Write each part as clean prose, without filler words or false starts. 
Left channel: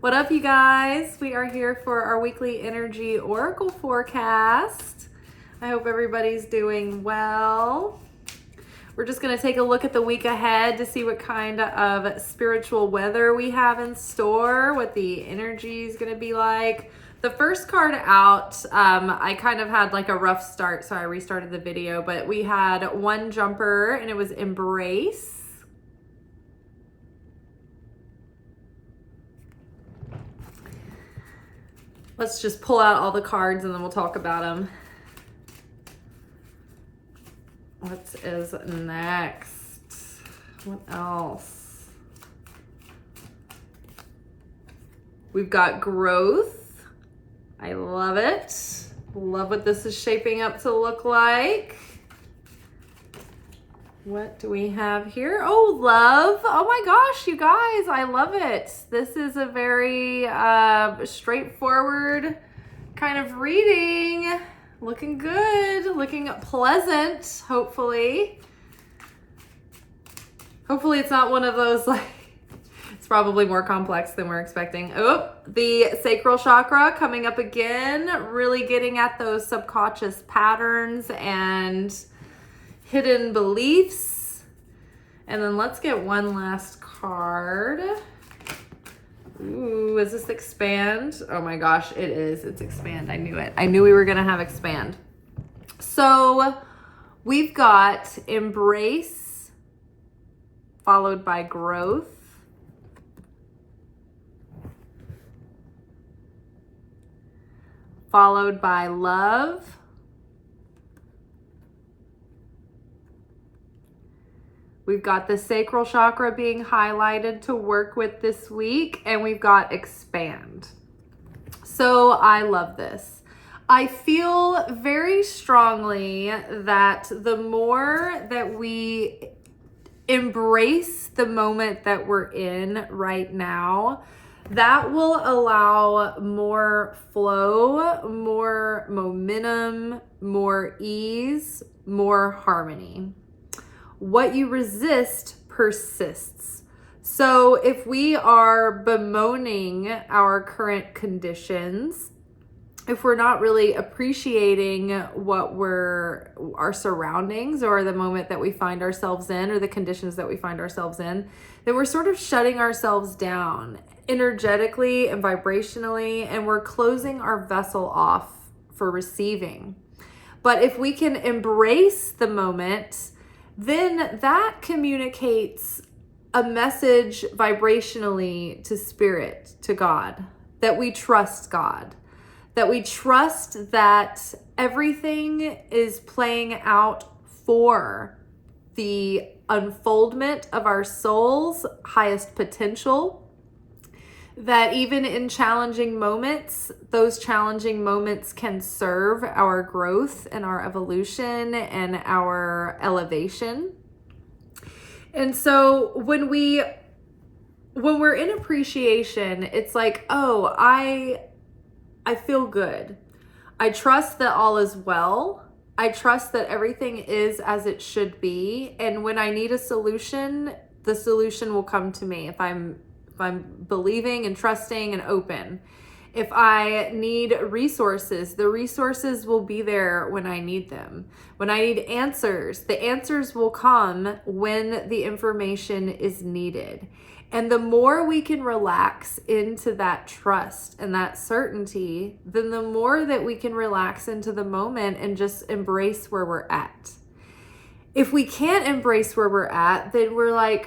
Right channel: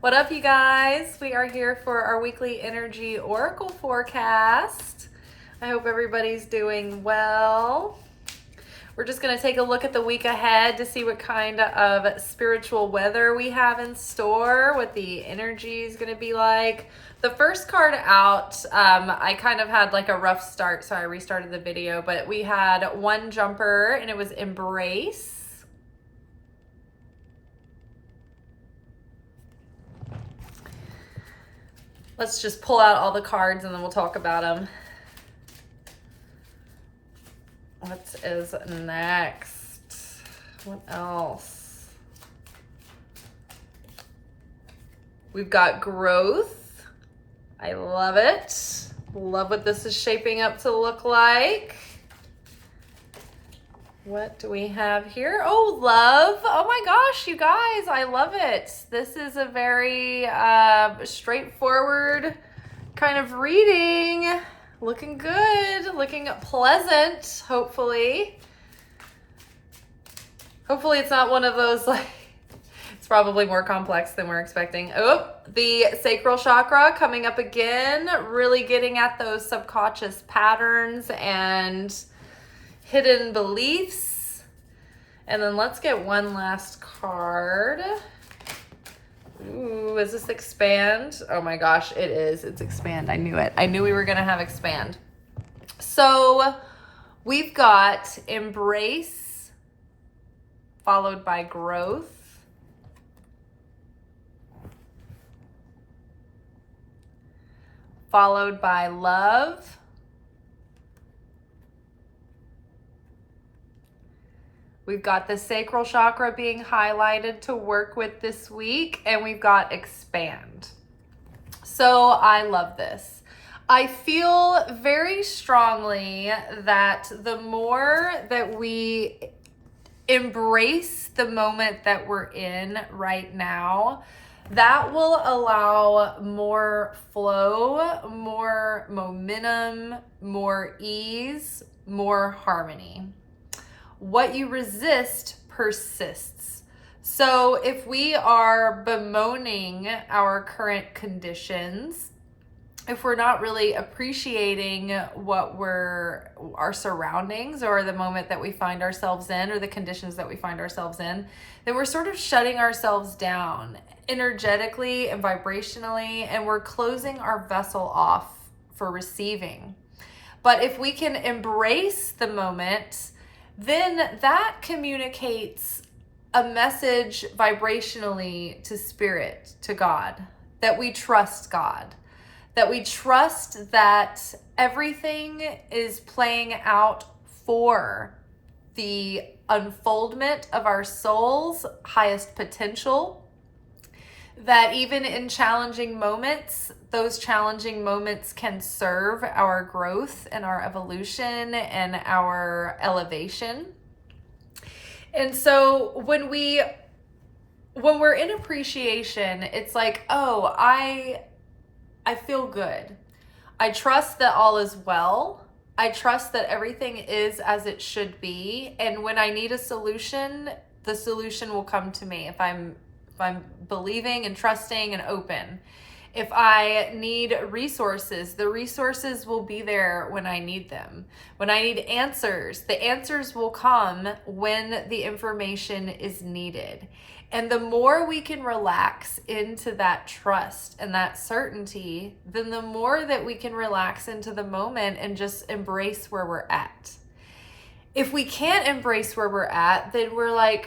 What up, you guys? We are here for our weekly energy oracle forecast. I hope everybody's doing well. We're just going to take a look at the week ahead to see what kind of spiritual weather we have in store, what the energy is going to be like. The first card out, I kind of had like a rough start, so I restarted the video, but we had one jumper and it was embrace. Let's just pull out all the cards and then we'll talk about them. What is next? What else? We've got growth. I love it. Love what this is shaping up to look like. What do we have here? Oh, love. Oh my gosh, you guys, I love it. This is a very straightforward kind of reading. Looking good, looking pleasant, hopefully. Hopefully it's not one of those like, it's probably more complex than we're expecting. Oh, the sacral chakra coming up again, really getting at those subconscious patterns and hidden beliefs. And then let's get one last card. Ooh, is this expand? Oh my gosh, it is. It's expand. I knew it. I knew we were going to have expand. So we've got embrace followed by growth. Followed by love. We've got the sacral chakra being highlighted to work with this week, and we've got expand. So I love this. I feel very strongly that the more that we embrace the moment that we're in right now, that will allow more flow, more momentum, more ease, more harmony. What you resist persists. So if we are bemoaning our current conditions, if we're not really appreciating our surroundings or the moment that we find ourselves in or the conditions that we find ourselves in, then we're sort of shutting ourselves down energetically and vibrationally, and we're closing our vessel off for receiving. But if we can embrace the moment, then that communicates a message vibrationally to spirit, to God, that we trust God, that we trust that everything is playing out for the unfoldment of our soul's highest potential, that even in challenging moments, those challenging moments can serve our growth and our evolution and our elevation. And so when we're in appreciation, it's like, oh, I feel good. I trust that all is well. I trust that everything is as it should be. And when I need a solution, the solution will come to me if I'm believing and trusting and open. If I need resources, the resources will be there when I need them. When I need answers, the answers will come when the information is needed. And the more we can relax into that trust and that certainty, then the more that we can relax into the moment and just embrace where we're at. If we can't embrace where we're at, then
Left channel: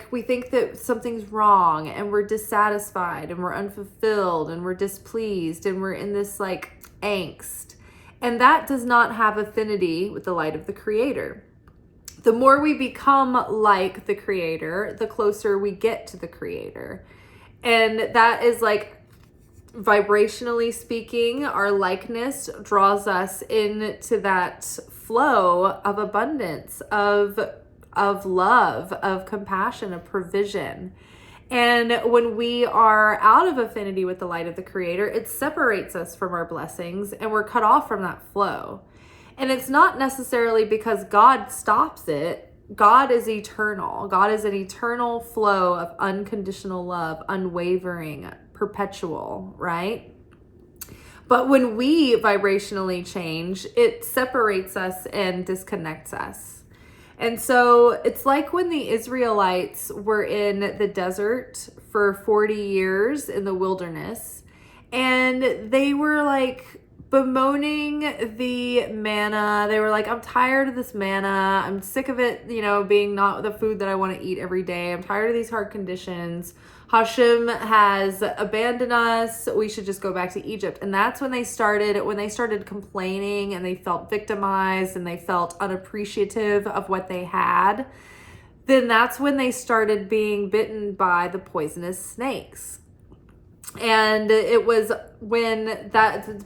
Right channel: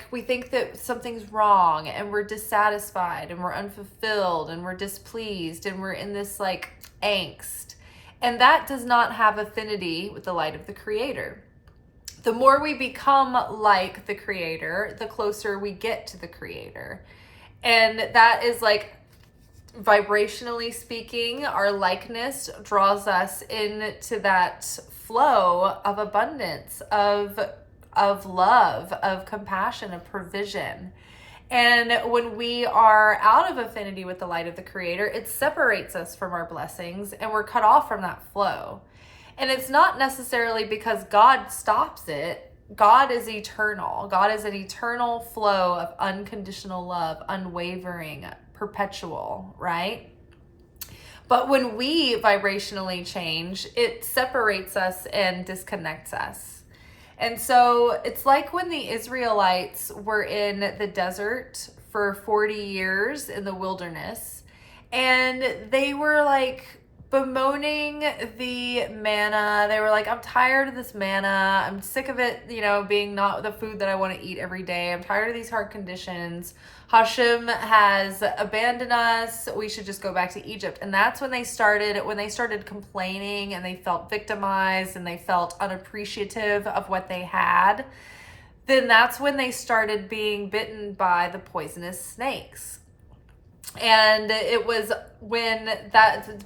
we think that something's wrong and we're dissatisfied and we're unfulfilled and we're displeased and we're in this like angst. And that does not have affinity with the light of the Creator. The more we become like the Creator, the closer we get to the Creator. And that is like, vibrationally speaking, our likeness draws us into that flow of abundance, of love, of compassion, of provision. And when we are out of affinity with the light of the Creator, it separates us from our blessings and we're cut off from that flow. And it's not necessarily because God stops it. God is eternal. God is an eternal flow of unconditional love, unwavering, perpetual, right? But when we vibrationally change, it separates us and disconnects us. And so it's like when the Israelites were in the desert for 40 years in the wilderness, and they were like bemoaning the manna. They were like, I'm tired of this manna. I'm sick of it, being not the food that I want to eat every day. I'm tired of these hard conditions. Hashem has abandoned us. We should just go back to Egypt. And that's when they started complaining, and they felt victimized, and they felt unappreciative of what they had. Then that's when they started being bitten by the poisonous snakes. And it was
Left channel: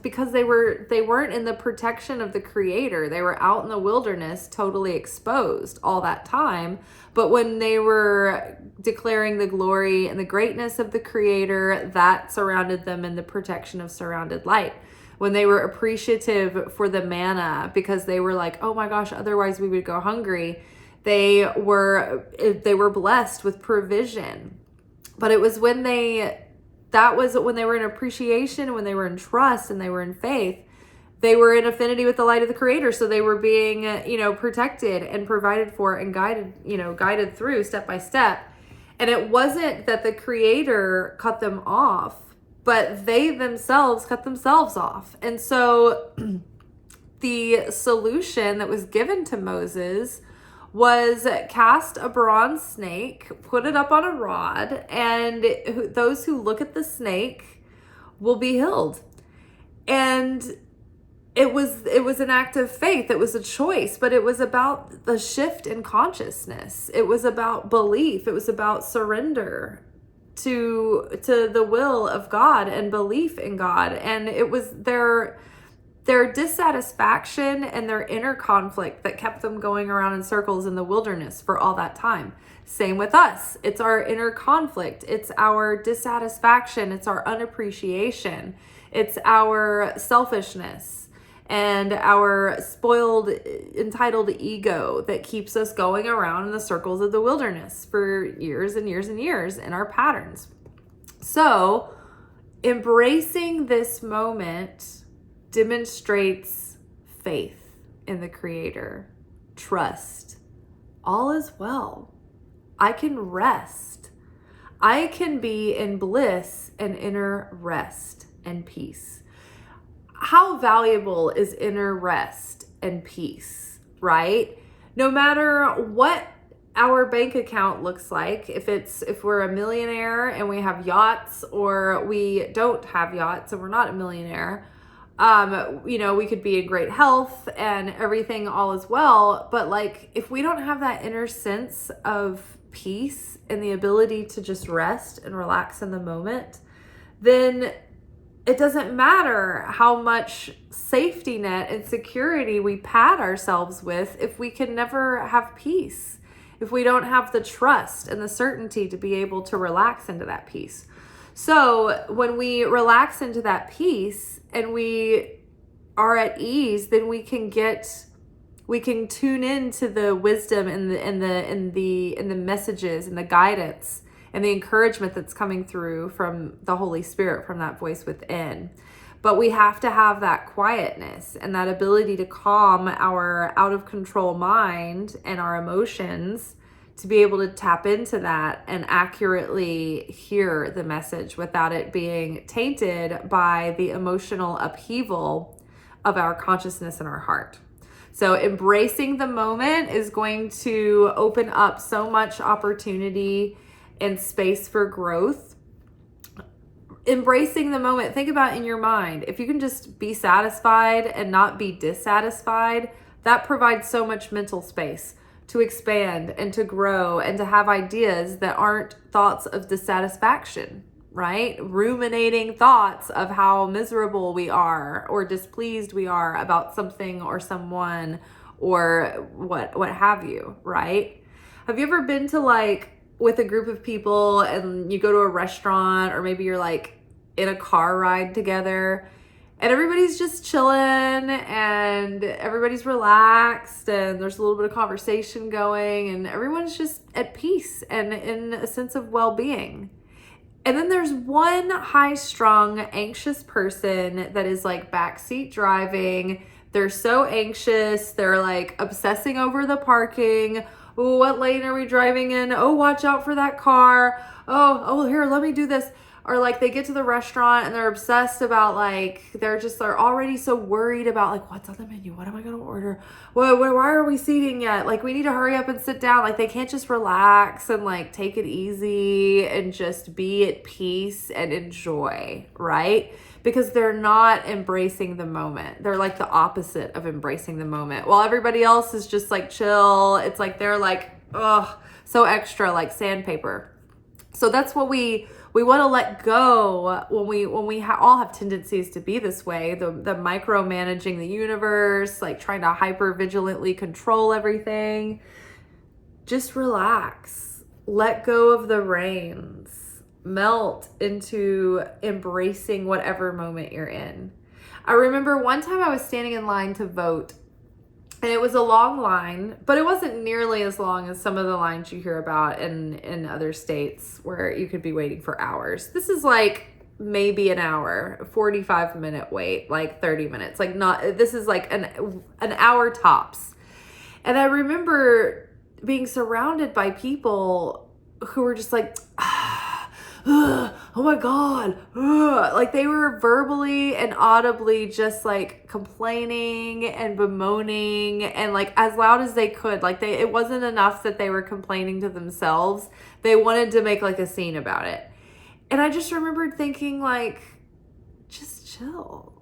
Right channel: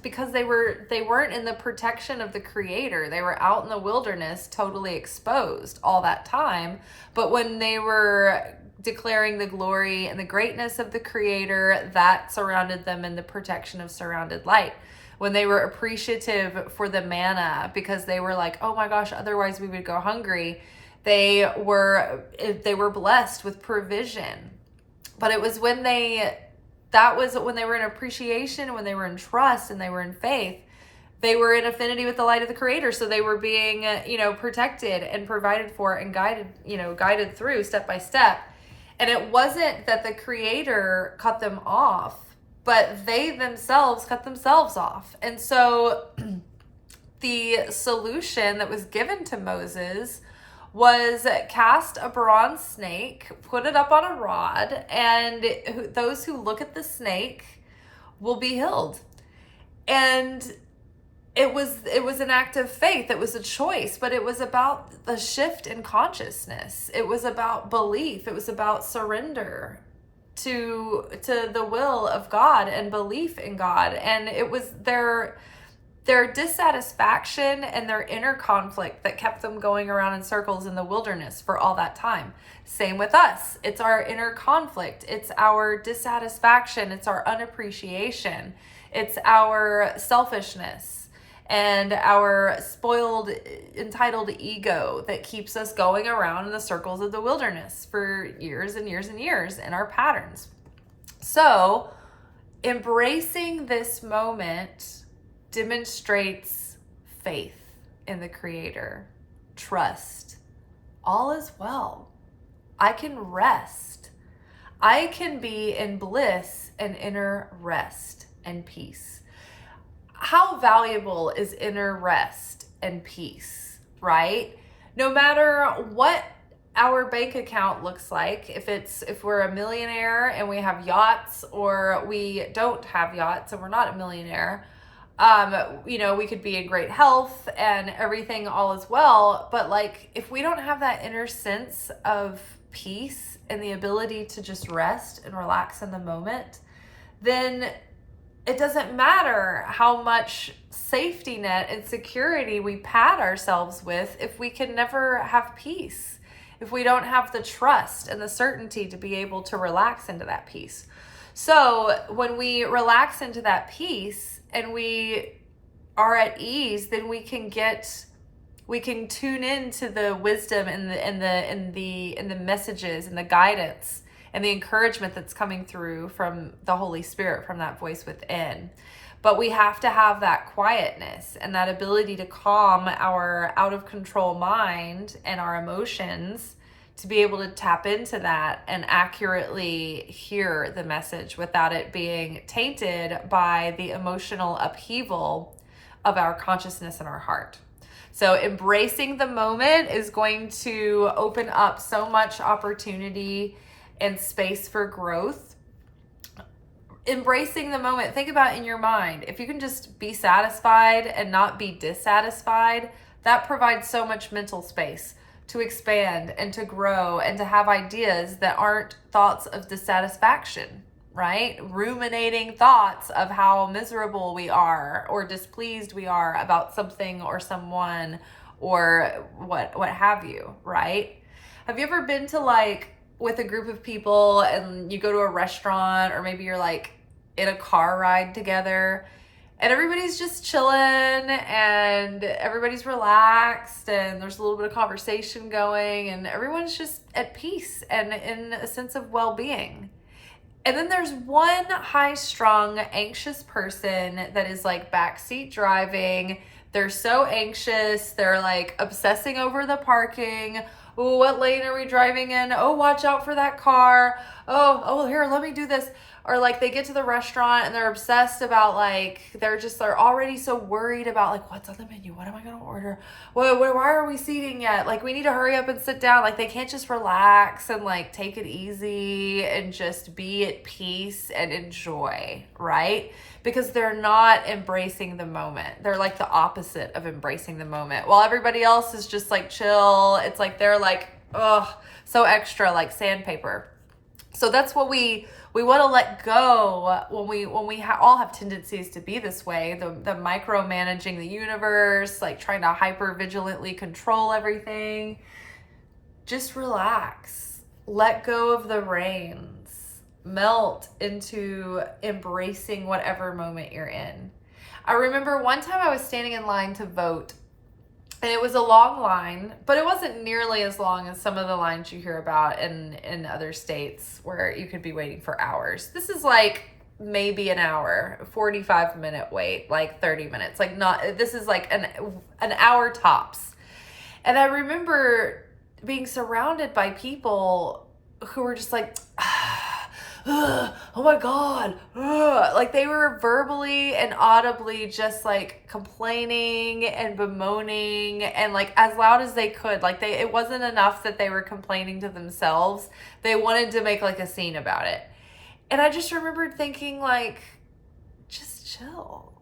because they weren't in the protection of the Creator. They were out in the wilderness, totally exposed all that time. But when they were declaring the glory and the greatness of the Creator, that surrounded them in the protection of surrounded light. When they were appreciative for the manna, because they were like, oh my gosh, otherwise we would go hungry, they were blessed with provision. But it was that was when they were in appreciation, when they were in trust, and they were in faith. They were in affinity with the light of the Creator. So they were being, protected and provided for and guided through step by step. And it wasn't that the Creator cut them off, but they themselves cut themselves off. And so the solution that was given to Moses was cast a bronze snake, put it up on a rod, and those who look at the snake will be healed. And it was an act of faith. It was a choice, but it was about the shift in consciousness. It was about belief. It was about surrender to the will of God and belief in God. And it was their dissatisfaction and their inner conflict that kept them going around in circles in the wilderness for all that time. Same with us. It's our inner conflict. It's our dissatisfaction. It's our unappreciation. It's our selfishness and our spoiled, entitled ego that keeps us going around in the circles of the wilderness for years and years and years in our patterns. So embracing this moment demonstrates faith in the Creator, trust. All is well. I can rest. I can be in bliss and inner rest and peace. How valuable is inner rest and peace, right? No matter what our bank account looks like, if we're a millionaire and we have yachts, or we don't have yachts and we're not a millionaire, we could be in great health and everything all is well. But like, if we don't have that inner sense of peace and the ability to just rest and relax in the moment, then it doesn't matter how much safety net and security we pad ourselves with if we can never have peace, if we don't have the trust and the certainty to be able to relax into that peace. So when we relax into that peace and we are at ease, then we can tune into the wisdom and the messages and the guidance and the encouragement that's coming through from the Holy Spirit, from that voice within. But we have to have that quietness and that ability to calm our out of control mind and our emotions to be able to tap into that and accurately hear the message without it being tainted by the emotional upheaval of our consciousness and our heart. So embracing the moment is going to open up so much opportunity and space for growth. Embracing the moment, think about in your mind, if you can just be satisfied and not be dissatisfied, that provides so much mental space to expand and to grow and to have ideas that aren't thoughts of dissatisfaction, right? Ruminating thoughts of how miserable we are or displeased we are about something or someone or what have you, right? Have you ever been to with a group of people and you go to a restaurant, or maybe you're in a car ride together and everybody's just chilling and everybody's relaxed and there's a little bit of conversation going and everyone's just at peace and in a sense of well-being. And then there's one high-strung, anxious person that is like backseat driving. They're so anxious. They're like obsessing over the parking. Oh, what lane are we driving in? Oh, watch out for that car. Oh, here, let me do this. Or like they get to the restaurant and they're obsessed about like, they're already so worried about like, what's on the menu? What am I going to order? Why are we seating yet? Like we need to hurry up and sit down. Like they can't just relax and like take it easy and just be at peace and enjoy, right? Because they're not embracing the moment. They're like the opposite of embracing the moment. While everybody else is just like chill, it's like they're like, so extra, like sandpaper. So that's what we want to let go when we all have tendencies to be this way. The micromanaging the universe, like trying to hyper vigilantly control everything. Just relax. Let go of the reins. Melt into embracing whatever moment you're in. I remember one time I was standing in line to vote. And it was a long line, but it wasn't nearly as long as some of the lines you hear about in other states where you could be waiting for hours. This is like maybe an hour, 45-minute wait, like 30 minutes. Like this is like an hour tops. And I remember being surrounded by people who were just like, oh my God. Like they were verbally and audibly just like complaining and bemoaning and like as loud as they could. Like it wasn't enough that they were complaining to themselves. They wanted to make like a scene about it. And I just remembered thinking like, just chill.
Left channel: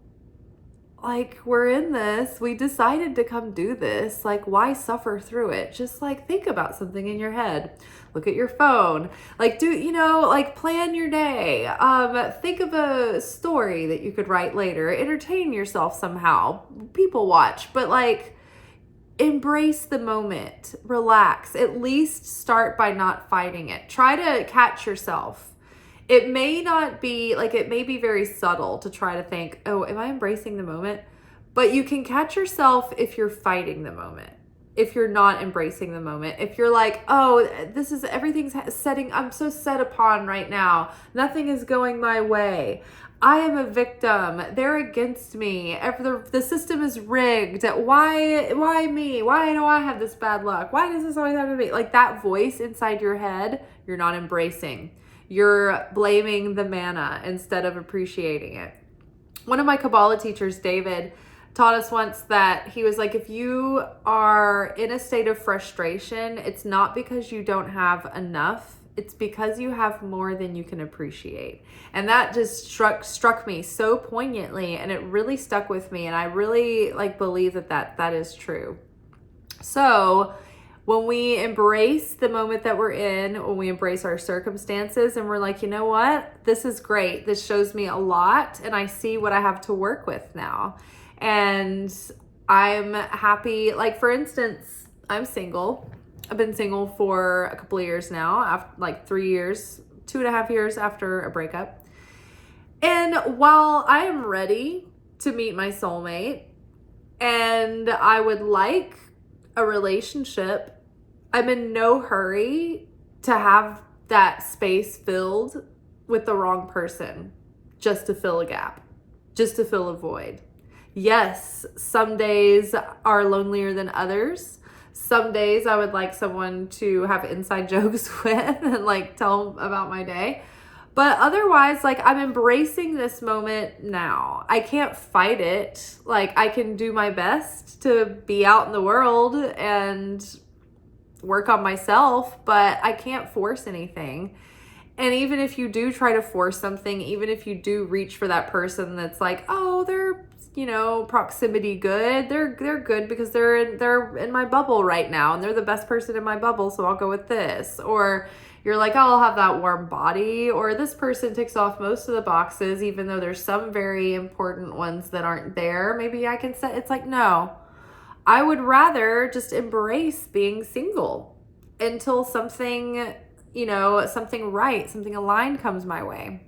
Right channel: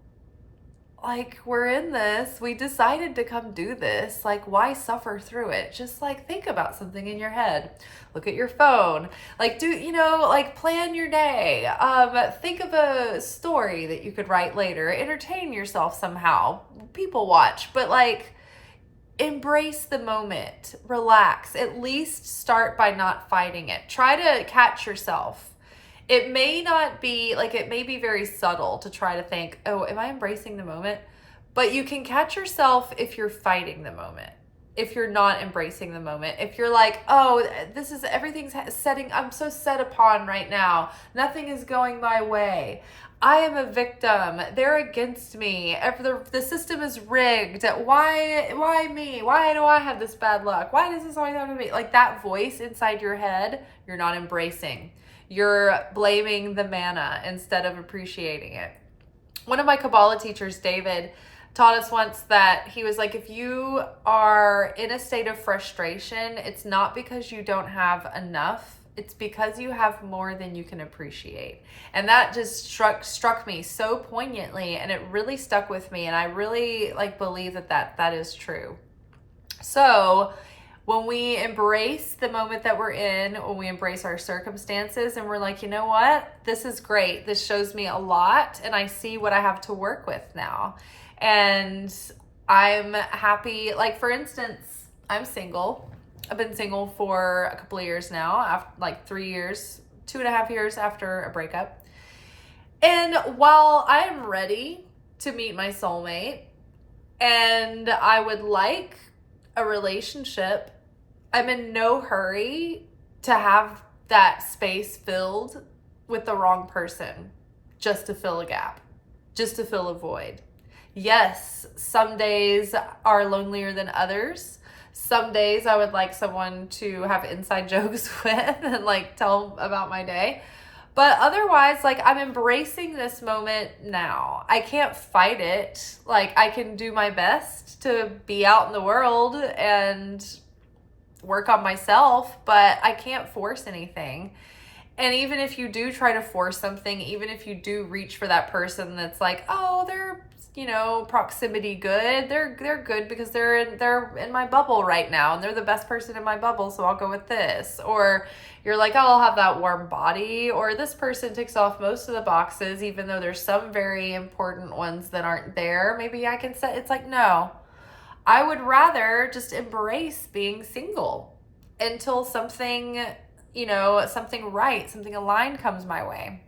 Like we're in this, we decided to come do this. Like why suffer through it? Just like think about something in your head. Look at your phone, like like plan your day. Think of a story that you could write later, entertain yourself somehow, people watch, but like embrace the moment, relax, at least start by not fighting it. Try to catch yourself. It may not be like, it may be very subtle to try to think, oh, am I embracing the moment? But you can catch yourself if you're fighting the moment. If you're not embracing the moment, if you're like, oh, everything's setting, I'm so set upon right now. Nothing is going my way. I am a victim. They're against me. The system is rigged. Why me? Why do I have this bad luck? Why does this always happen to me? Like that voice inside your head, you're not embracing. You're blaming the manna instead of appreciating it. One of my Kabbalah teachers, David, taught us once that he was like, if you are in a state of frustration, it's not because you don't have enough. It's because you have more than you can appreciate. And that just struck me so poignantly, and it really stuck with me. And I really like believe that is true. So when we embrace the moment that we're in, when we embrace our circumstances and we're like, you know what, this is great. This shows me a lot and I see what I have to work with now. And I'm happy. Like, for instance, I'm single. I've been single for a couple of years now, after like 3 years, 2.5 years after a breakup. And while I am ready to meet my soulmate and I would like a relationship, I'm in no hurry to have that space filled with the wrong person just to fill a gap, just to fill a void. Yes, some days are lonelier than others. Some days I would like someone to have inside jokes with and like tell about my day. But otherwise, like I'm embracing this moment now. I can't fight it. Like I can do my best to be out in the world and work on myself, but I can't force anything. And even if you do try to force something, even if you do reach for that person that's like, oh, they're, proximity good. They're good because they're in my bubble right now and they're the best person in my bubble, so I'll go with this. Or you're like, oh, I'll have that warm body, or this person ticks off most of the boxes, even though there's some very important ones that aren't there. Maybe I can set, it's like, no, I would rather just embrace being single until something, something right, something aligned comes my way.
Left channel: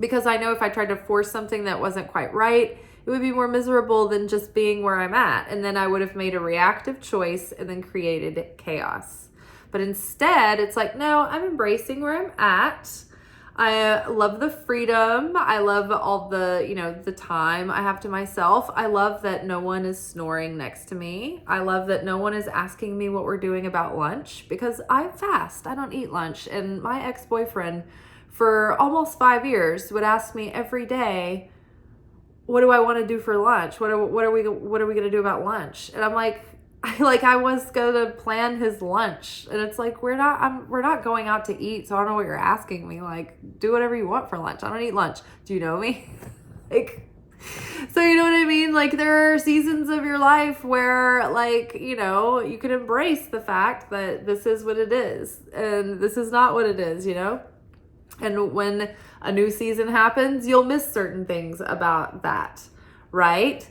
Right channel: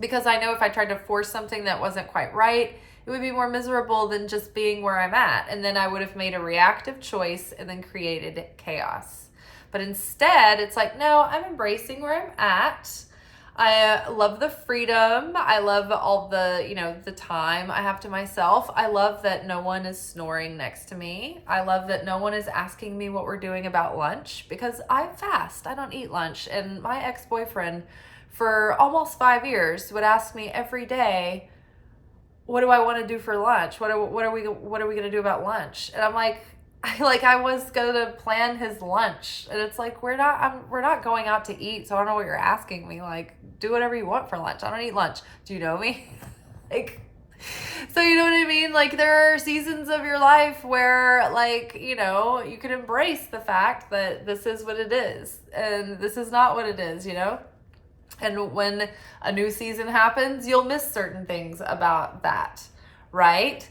Because I know if I tried to force something that wasn't quite right, it would be more miserable than just being where I'm at. And then I would have made a reactive choice and then created chaos. But instead, it's like, no, I'm embracing where I'm at. I love the freedom. I love all the, the time I have to myself. I love that no one is snoring next to me. I love that no one is asking me what we're doing about lunch because I fast. I don't eat lunch. And my ex-boyfriend for almost 5 years would ask me every day, what do I want to do for lunch? What are we going to do about lunch? And I'm like, I was going to plan his lunch, and it's like, we're not going out to eat. So I don't know what you're asking me. Like, do whatever you want for lunch. I don't eat lunch. Do you know me? Like, so you know what I mean? Like, there are seasons of your life where, like, you can embrace the fact that this is what it is and this is not what it is, And when a new season happens, you'll miss certain things about that, right?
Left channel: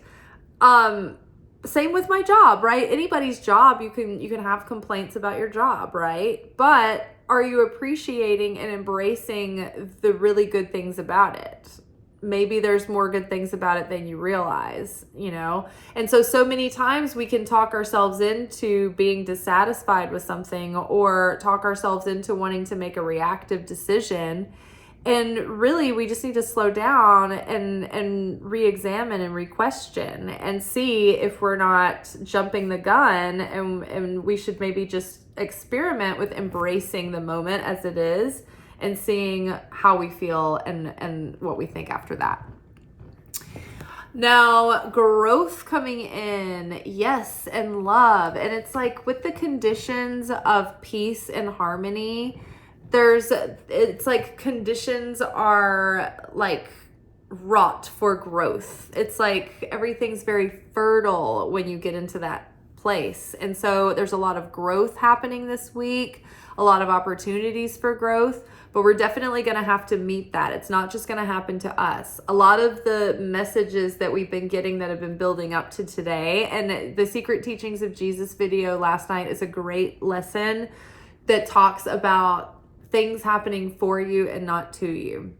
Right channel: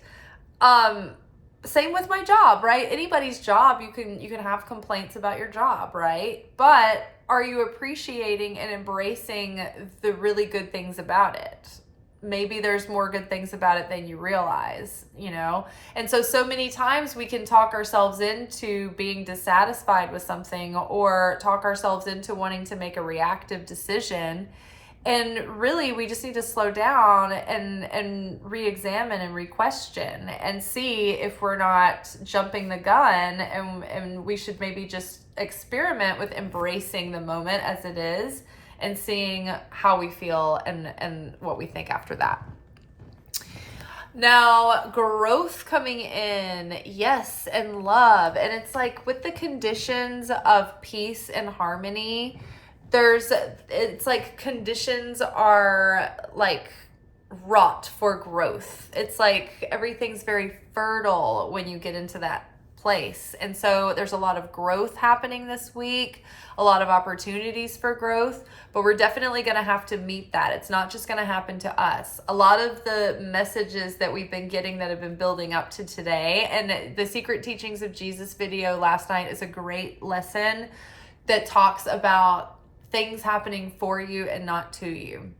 Same with my job, right? Anybody's job, you can have complaints about your job, right? But are you appreciating and embracing the really good things about it? Maybe there's more good things about it than you realize, And so many times we can talk ourselves into being dissatisfied with something or talk ourselves into wanting to make a reactive decision. And really, we just need to slow down and re-examine and re-question and see if we're not jumping the gun, and we should maybe just experiment with embracing the moment as it is and seeing how we feel and what we think after that. Now, growth coming in, yes, and love. And it's like with the conditions of peace and harmony, it's like conditions are like wrought for growth. It's like everything's very fertile when you get into that place. And so there's a lot of growth happening this week, a lot of opportunities for growth, but we're definitely going to have to meet that. It's not just going to happen to us. A lot of the messages that we've been getting that have been building up to today, and the Secret Teachings of Jesus video last night is a great lesson that talks about things happening for you and not to you.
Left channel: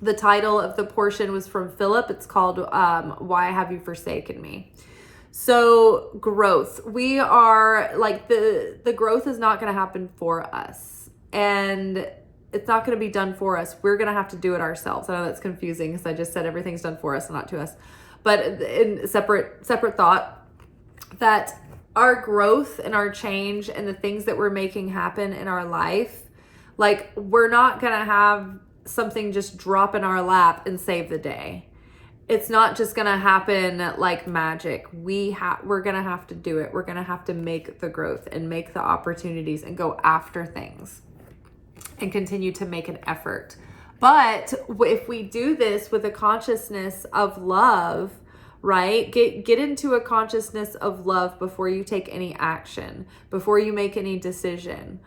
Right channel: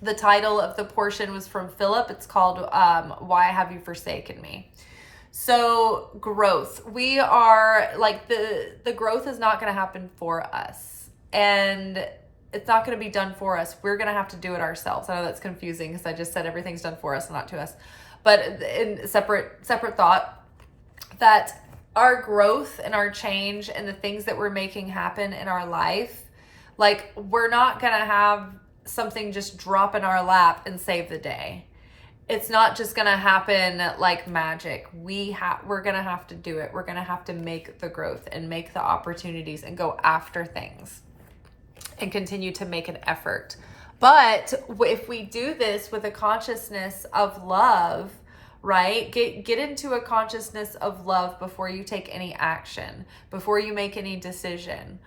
The title of the portion was from Philip. It's called Why Have You Forsaken Me? So growth, we are like the growth is not going to happen for us, and it's not going to be done for us. We're going to have to do it ourselves. I know that's confusing because I just said everything's done for us and not to us, but in separate thought, that our growth and our change and the things that we're making happen in our life, like, we're not going to have something just drop in our lap and save the day. It's not just going to happen like magic. We're going to have to do it. We're going to have to make the growth and make the opportunities and go after things and continue to make an effort. But if we do this with a consciousness of love, right? Get into a consciousness of love before you take any action, before you make any decision.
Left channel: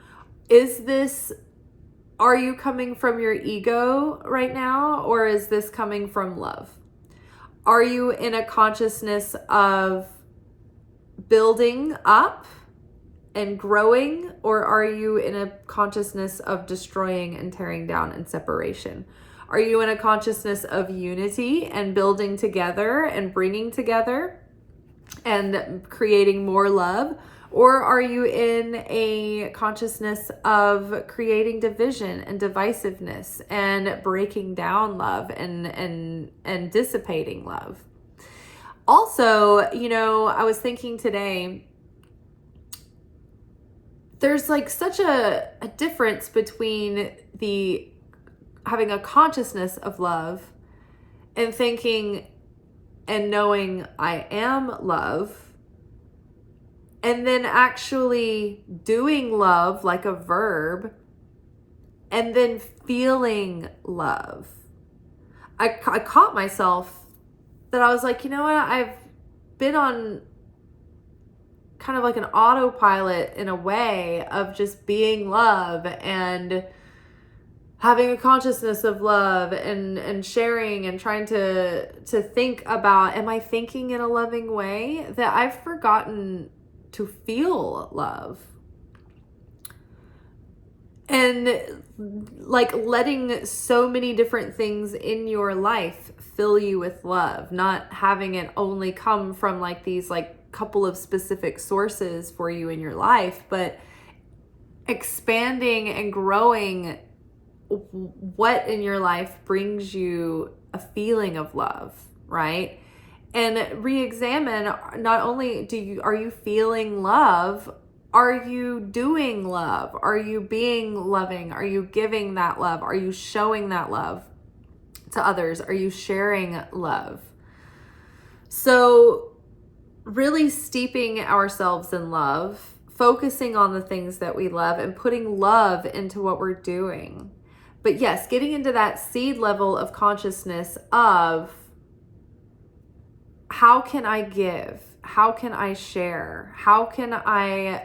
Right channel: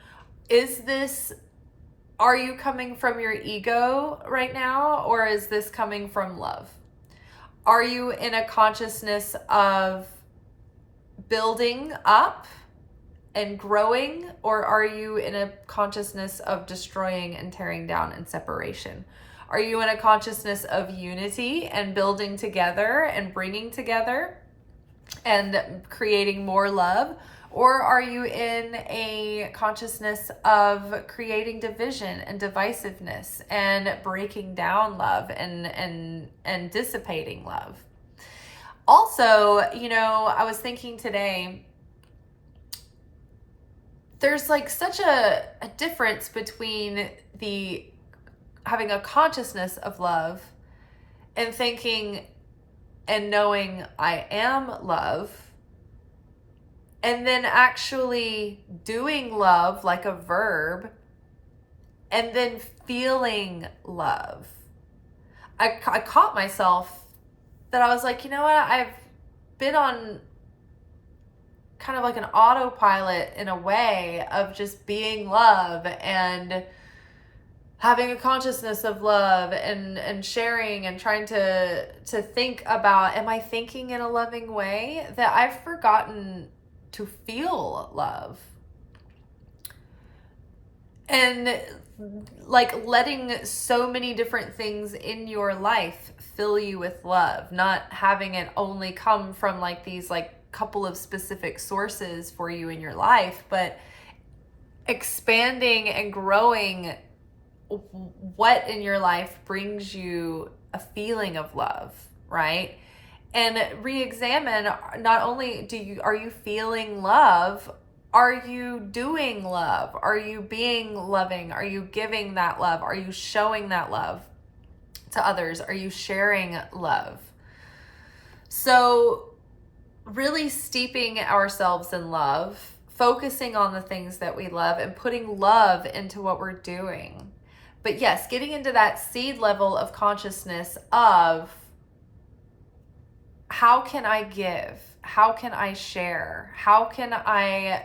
Are you coming from your ego right now, or is this coming from love? Are you in a consciousness of building up and growing, or are you in a consciousness of destroying and tearing down and separation? Are you in a consciousness of unity and building together and bringing together and creating more love? Or are you in a consciousness of creating division and divisiveness and breaking down love and dissipating love? Also, I was thinking today, there's like such a difference between having a consciousness of love and thinking and knowing I am love, and then actually doing love like a verb, and then feeling love. I caught myself that I was like, you know what? I've been on kind of like an autopilot in a way of just being love and having a consciousness of love and sharing and trying to think about, am I thinking in a loving way? That I've forgotten to feel love. And like letting so many different things in your life fill you with love, not having it only come from like these like couple of specific sources for you in your life, but expanding and growing what in your life brings you a feeling of love, right? And re-examine, not only are you feeling love, are you doing love? Are you being loving? Are you giving that love? Are you showing that love to others? Are you sharing love? So really steeping ourselves in love, focusing on the things that we love and putting love into what we're doing. But yes, getting into that seed level of consciousness of how can I give? How can I share? How can I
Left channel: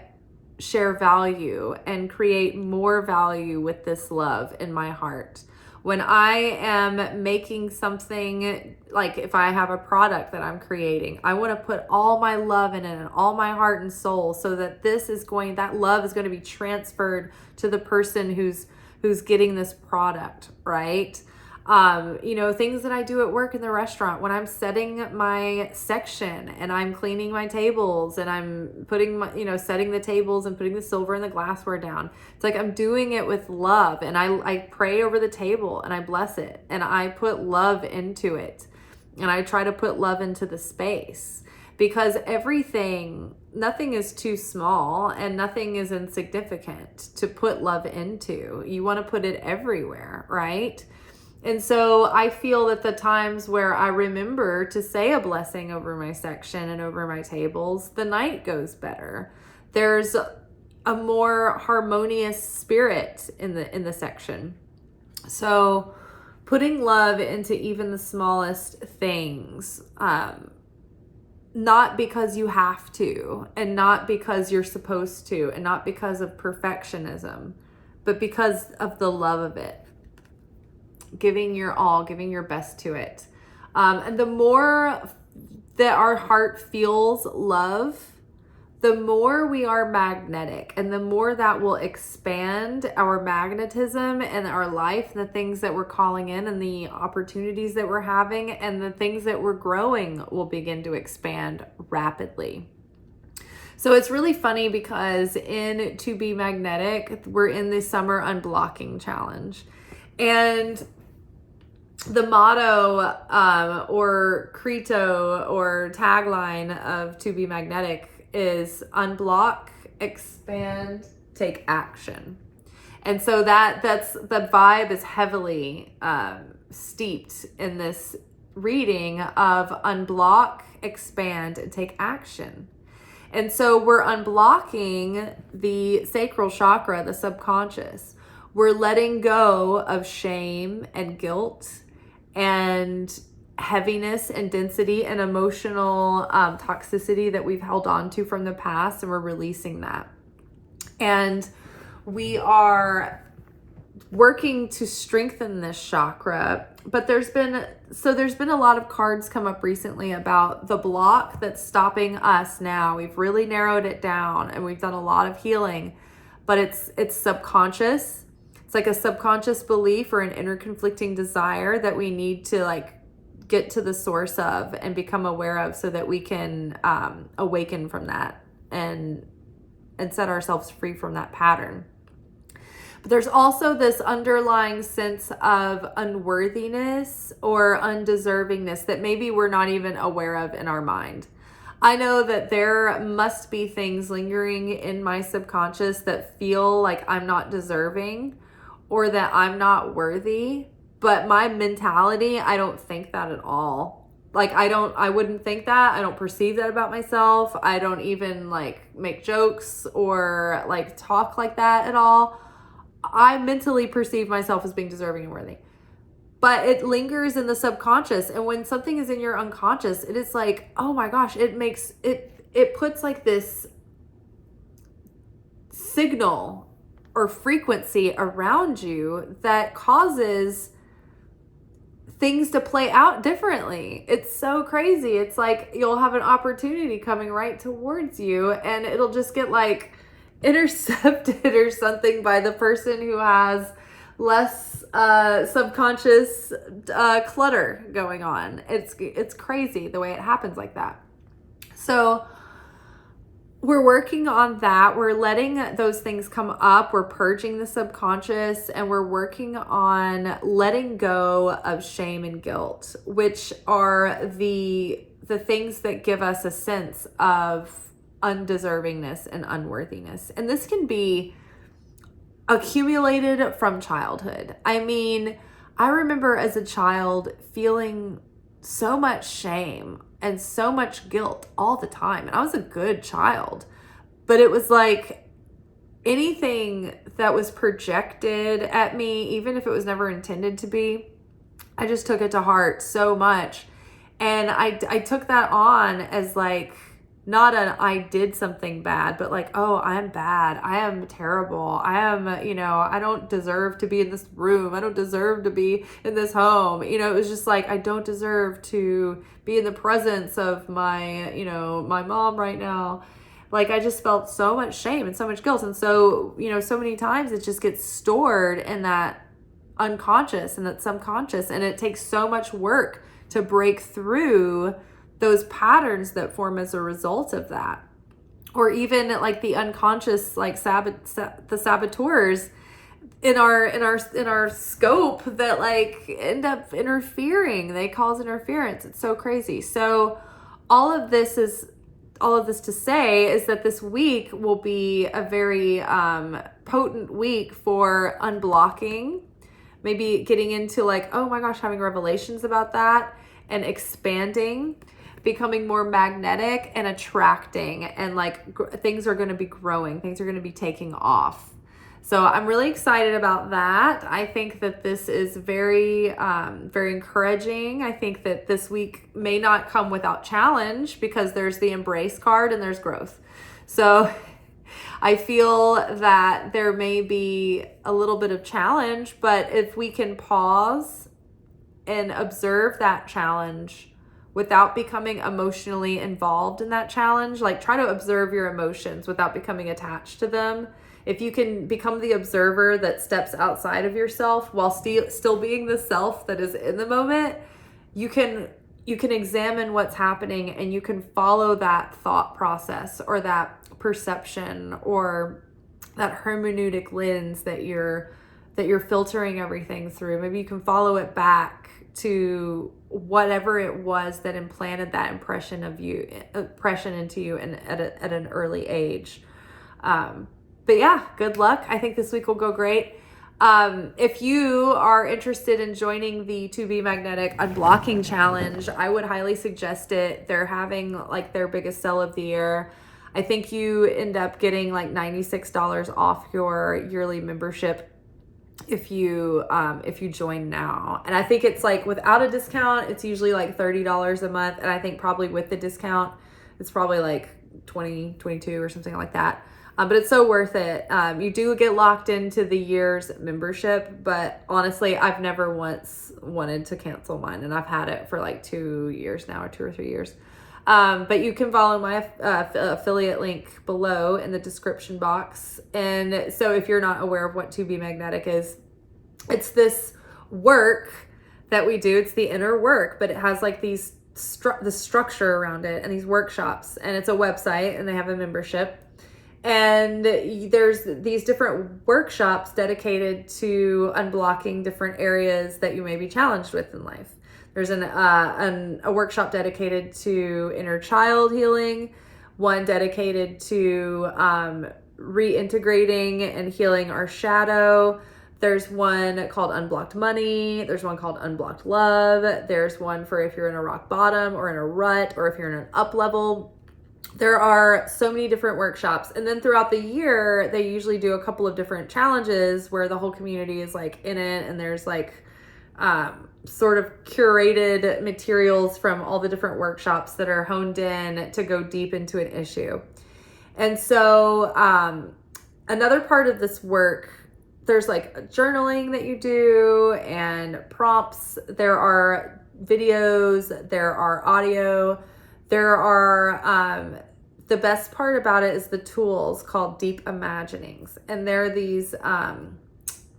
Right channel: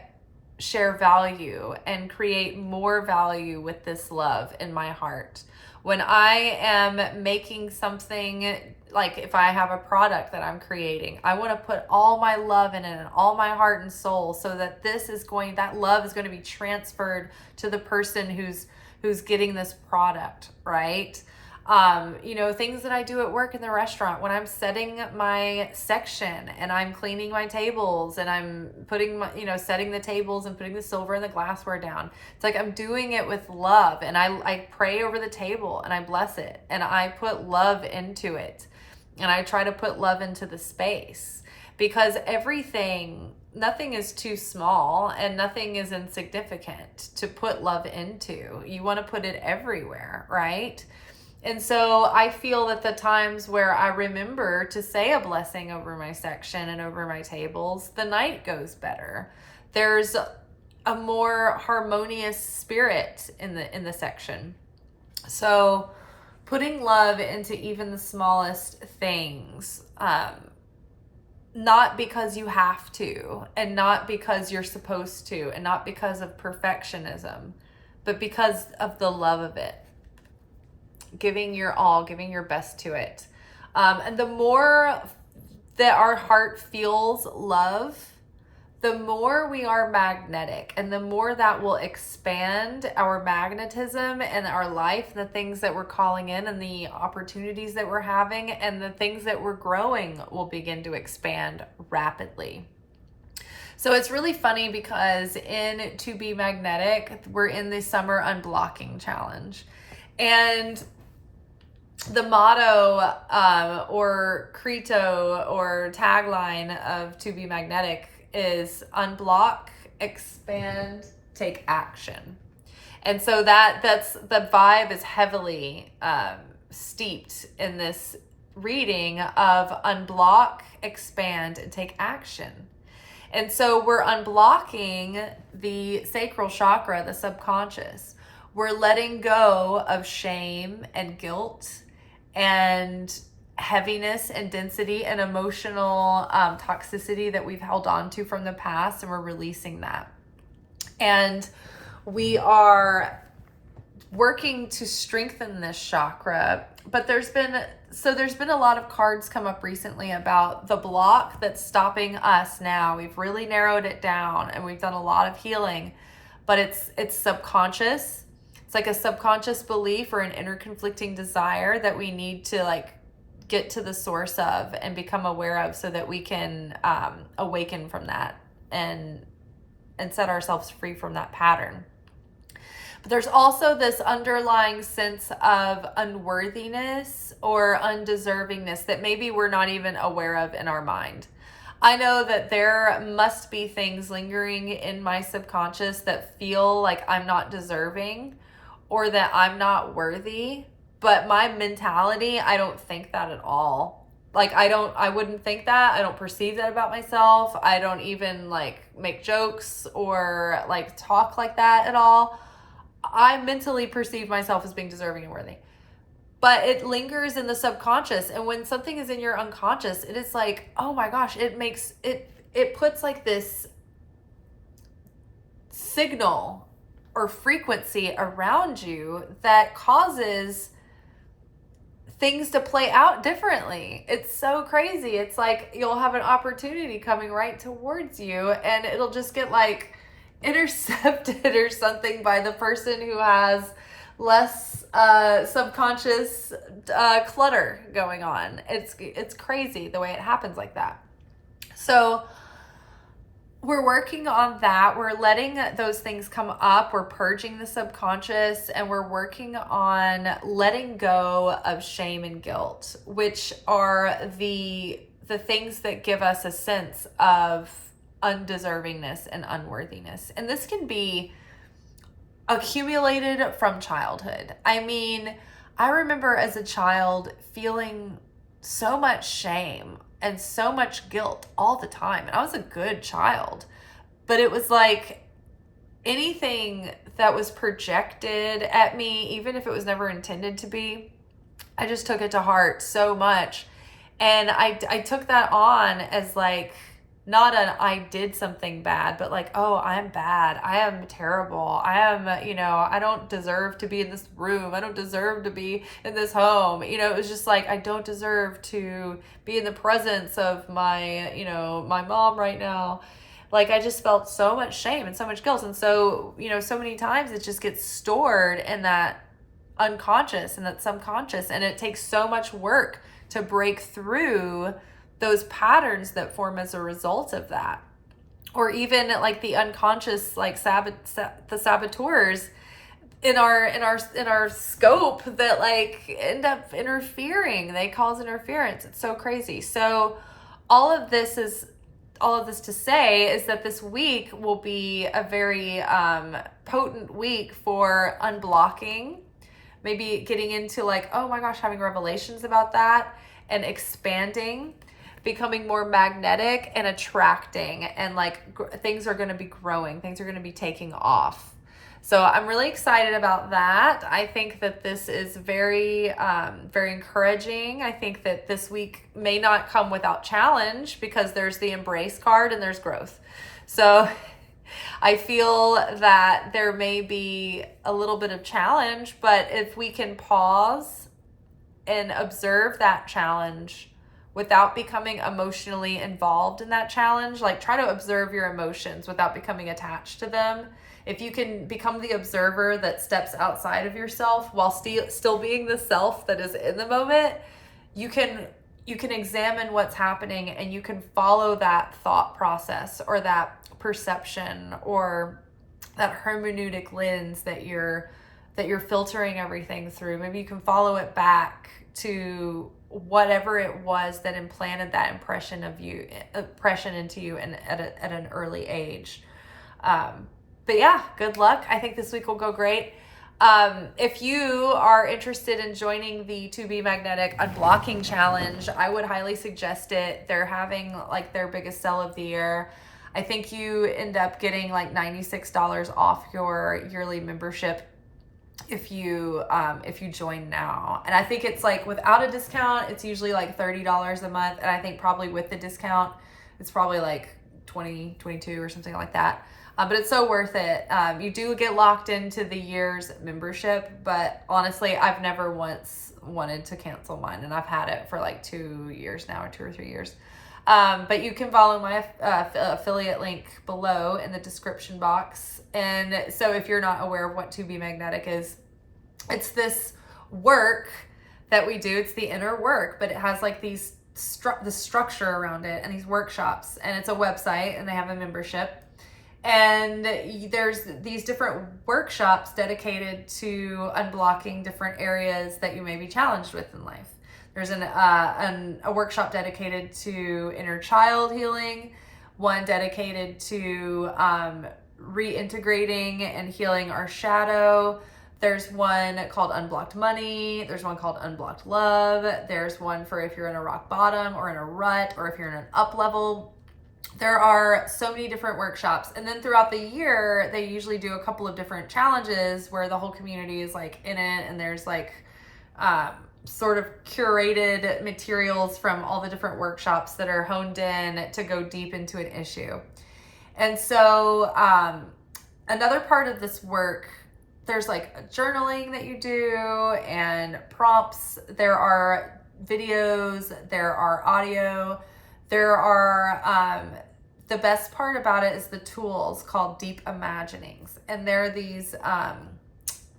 share value and create more value with this love in my heart? When I am making something, like if I have a product that I'm creating, I want to put all my love in it and all my heart and soul, so that that love is going to be transferred to the person who's getting this product, right? Things that I do at work in the restaurant, when I'm setting my section and I'm cleaning my tables and I'm putting setting the tables and putting the silver and the glassware down. It's like I'm doing it with love, and I pray over the table and I bless it and I put love into it, and I try to put love into the space, because nothing is too small and nothing is insignificant to put love into. You want to put it everywhere, right? And so I feel that the times where I remember to say a blessing over my section and over my tables, the night goes better. There's a more harmonious spirit in the section. So putting love into even the smallest things, not because you have to, and not because you're supposed to, and not because of perfectionism, but because of the love of it. Giving your all, giving your best to it. And the more that our heart feels love, the more we are magnetic, and the more that will expand our magnetism and our life, the things that we're calling in and the opportunities that we're having and the things that we're growing will begin to expand rapidly. So it's really funny because in To Be Magnetic, we're in the summer unblocking challenge. And the motto or credo or tagline of To Be Magnetic is unblock, expand, take action. And so that's the vibe is heavily steeped in this reading of unblock, expand, and take action. And so we're unblocking the sacral chakra, the subconscious. We're letting go of shame and guilt and heaviness and density and emotional toxicity that we've held on to from the past, and we're releasing that. And we are working to strengthen this chakra, but there's been a lot of cards come up recently about the block that's stopping us now. We've really narrowed it down and we've done a lot of healing, but it's subconscious. It's like a subconscious belief or an inner conflicting desire that we need to get to the source of and become aware of, so that we can awaken from that and set ourselves free from that pattern. But there's also this underlying sense of unworthiness or undeservingness that maybe we're not even aware of in our mind. I know that there must be things lingering in my subconscious that feel like I'm not deserving or that I'm not worthy, but my mentality, I don't think that at all. I wouldn't think that. I don't perceive that about myself. I don't even make jokes or talk like that at all. I mentally perceive myself as being deserving and worthy, but it lingers in the subconscious. And when something is in your unconscious, it is like, oh my gosh, it puts this signal or frequency around you that causes things to play out differently. It's so crazy. It's like you'll have an opportunity coming right towards you and it'll just get intercepted or something by the person who has less subconscious clutter going on. It's crazy the way it happens like that. So we're working on that. We're letting those things come up. We're purging the subconscious, and we're working on letting go of shame and guilt, which are the things that give us a sense of undeservingness and unworthiness. And this can be accumulated from childhood. I mean, I remember as a child feeling so much shame and so much guilt all the time. And I was a good child, but it was like anything that was projected at me, even if it was never intended to be, I just took it to heart so much. And I took that on as like, not an I did something bad, but like, oh, I'm bad. I am terrible. I am, I don't deserve to be in this room. I don't deserve to be in this home. It was just like, I don't deserve to be in the presence of my, my mom right now. Like, I just felt so much shame and so much guilt. And so, so many times it just gets stored in that unconscious and that subconscious. And it takes so much work to break through those patterns that form as a result of that. Or even like the unconscious, like the saboteurs in our scope that like end up interfering. They cause interference. It's so crazy. So all of this to say is that this week will be a very potent week for unblocking, maybe getting into like, oh my gosh, having revelations about that and expanding, becoming more magnetic and attracting, and like things are going to be growing, things are going to be taking off. So I'm really excited about that. I think that this is very, very encouraging. I think that this week may not come without challenge because there's the embrace card and there's growth. So I feel that there may be a little bit of challenge, but if we can pause and observe that challenge without becoming emotionally involved in that challenge, like try to observe your emotions without becoming attached to them. If you can become the observer that steps outside of yourself while still being the self that is in the moment, you can examine what's happening and you can follow that thought process or that perception or that hermeneutic lens that you're filtering everything through. Maybe you can follow it back to whatever it was that implanted that impression into you and at an early age. But yeah, good luck. I think this week will go great. If you are interested in joining the To Be Magnetic Unblocking Challenge, I would highly suggest it. They're having like their biggest sell of the year. I think you end up getting like $96 off your yearly membership if you join now. And I think it's like without a discount, it's usually like $30 a month. And I think probably with the discount, it's probably like 20, 22 or something like that. But it's so worth it. You do get locked into the year's membership, but honestly, I've never once wanted to cancel mine, and I've had it for like 2 years now, or 2 or 3 years. But you can follow my affiliate link below in the description box. And so if you're not aware of what To Be Magnetic is, it's this work that we do. It's the inner work, but it has like the structure around it and these workshops, and it's a website and they have a membership. And there's these different workshops dedicated to unblocking different areas that you may be challenged with in life. There's a workshop dedicated to inner child healing, one dedicated to reintegrating and healing our shadow. There's one called Unblocked Money. There's one called Unblocked Love. There's one for if you're in a rock bottom or in a rut or if you're in an up level. There are so many different workshops. And then throughout the year, they usually do a couple of different challenges where the whole community is like in it. And there's like sort of curated materials from all the different workshops that are honed in to go deep into an issue. And so another part of this work, there's like journaling that you do and prompts. There are videos, there are audio. There are, the best part about it is the tools called Deep Imaginings. And they're these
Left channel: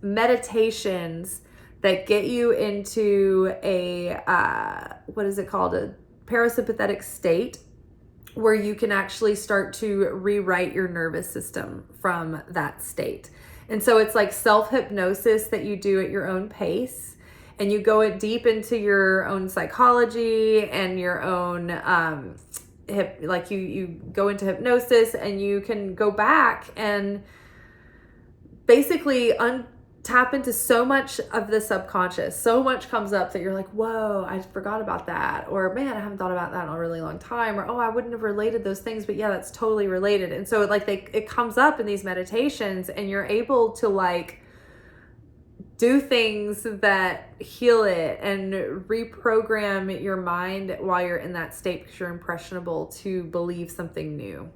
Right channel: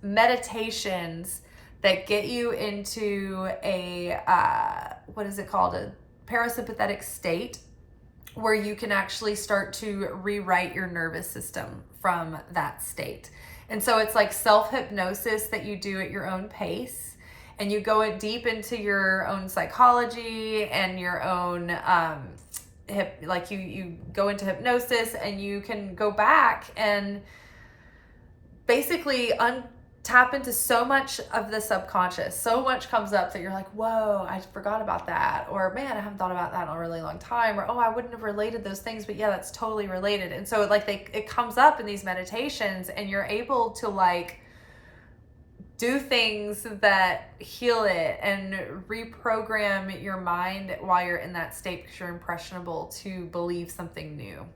meditations that get you into a, what is it called? A parasympathetic state. where you can actually start to rewrite your nervous system from that state. And so it's like self-hypnosis that you do at your own pace, and you go deep into your own psychology and your own you go into hypnosis, and you can go back and basically tap into so much of the subconscious. So much comes up that you're like, whoa, I forgot about that. Or, man, I haven't thought about that in a really long time. Or, oh, I wouldn't have related those things, but yeah, that's totally related. And so it comes up in these meditations, and you're able to like do things that heal it and reprogram your mind while you're in that state, because you're impressionable to believe something new.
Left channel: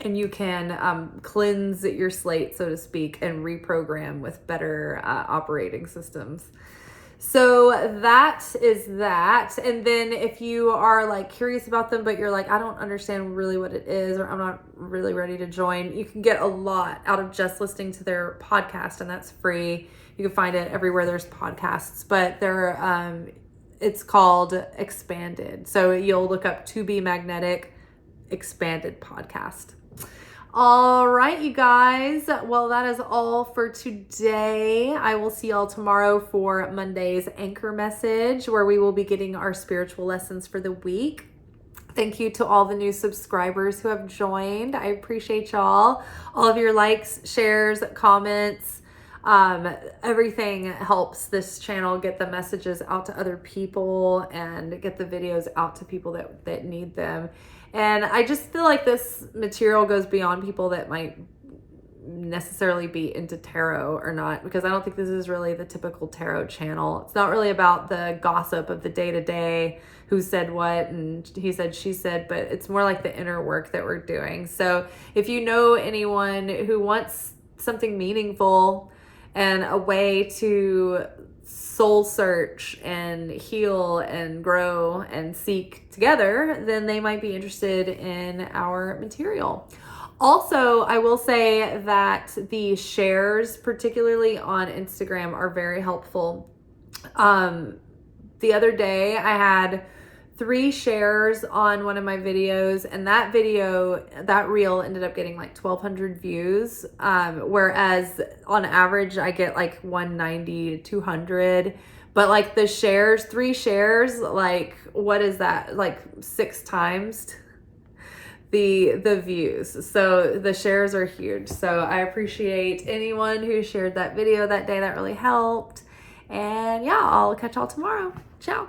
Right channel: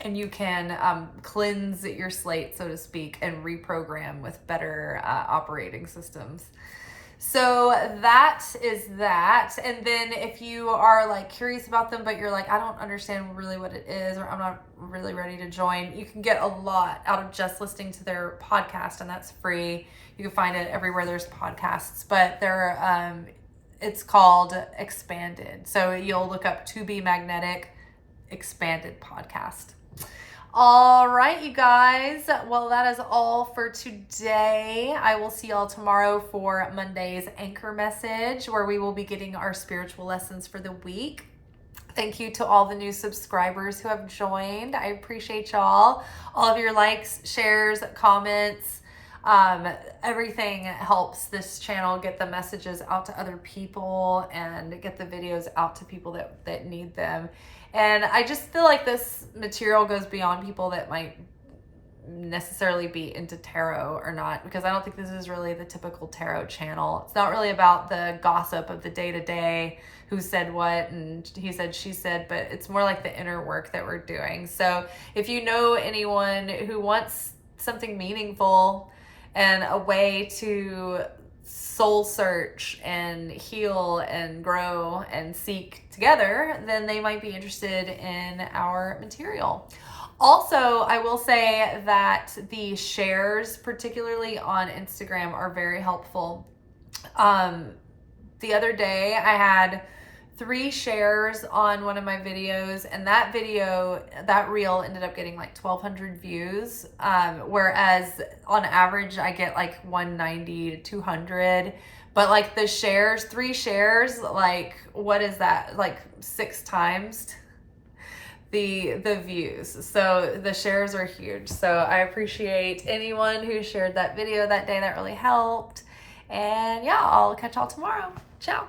And you can cleanse your slate, so to speak, and reprogram with better operating systems. So that is that. And then if you are like curious about them, but you're like, I don't understand really what it is, or I'm not really ready to join, you can get a lot out of just listening to their podcast, and that's free. You can find it everywhere there's podcasts, but it's called Expanded. So you'll look up To Be Magnetic Expanded podcast. All right, you guys. Well, that is all for today. I will see y'all tomorrow for Monday's anchor message, where we will be getting our spiritual lessons for the week. Thank you to all the new subscribers who have joined. I appreciate y'all. All of your likes, shares, comments, everything helps this channel get the messages out to other people and get the videos out to people that need them. And I just feel like this material goes beyond people that might necessarily be into tarot or not, because I don't think this is really the typical tarot channel. It's not really about the gossip of the day-to-day, who said what and he said, she said, but it's more like the inner work that we're doing. So if you know anyone who wants something meaningful and a way to soul search and heal and grow and seek together, then they might be interested in our material. Also, I will say that the shares, particularly on Instagram, are very helpful. The other day I had 3 shares on one of my videos, and that reel ended up getting like 1,200 views, whereas on average I get like 190 to 200. But like the shares, 3 shares, like what is that, like 6 times the views. So the shares are huge. So I appreciate anyone who shared that video that day. That really helped. And yeah, I'll catch y'all tomorrow. Ciao.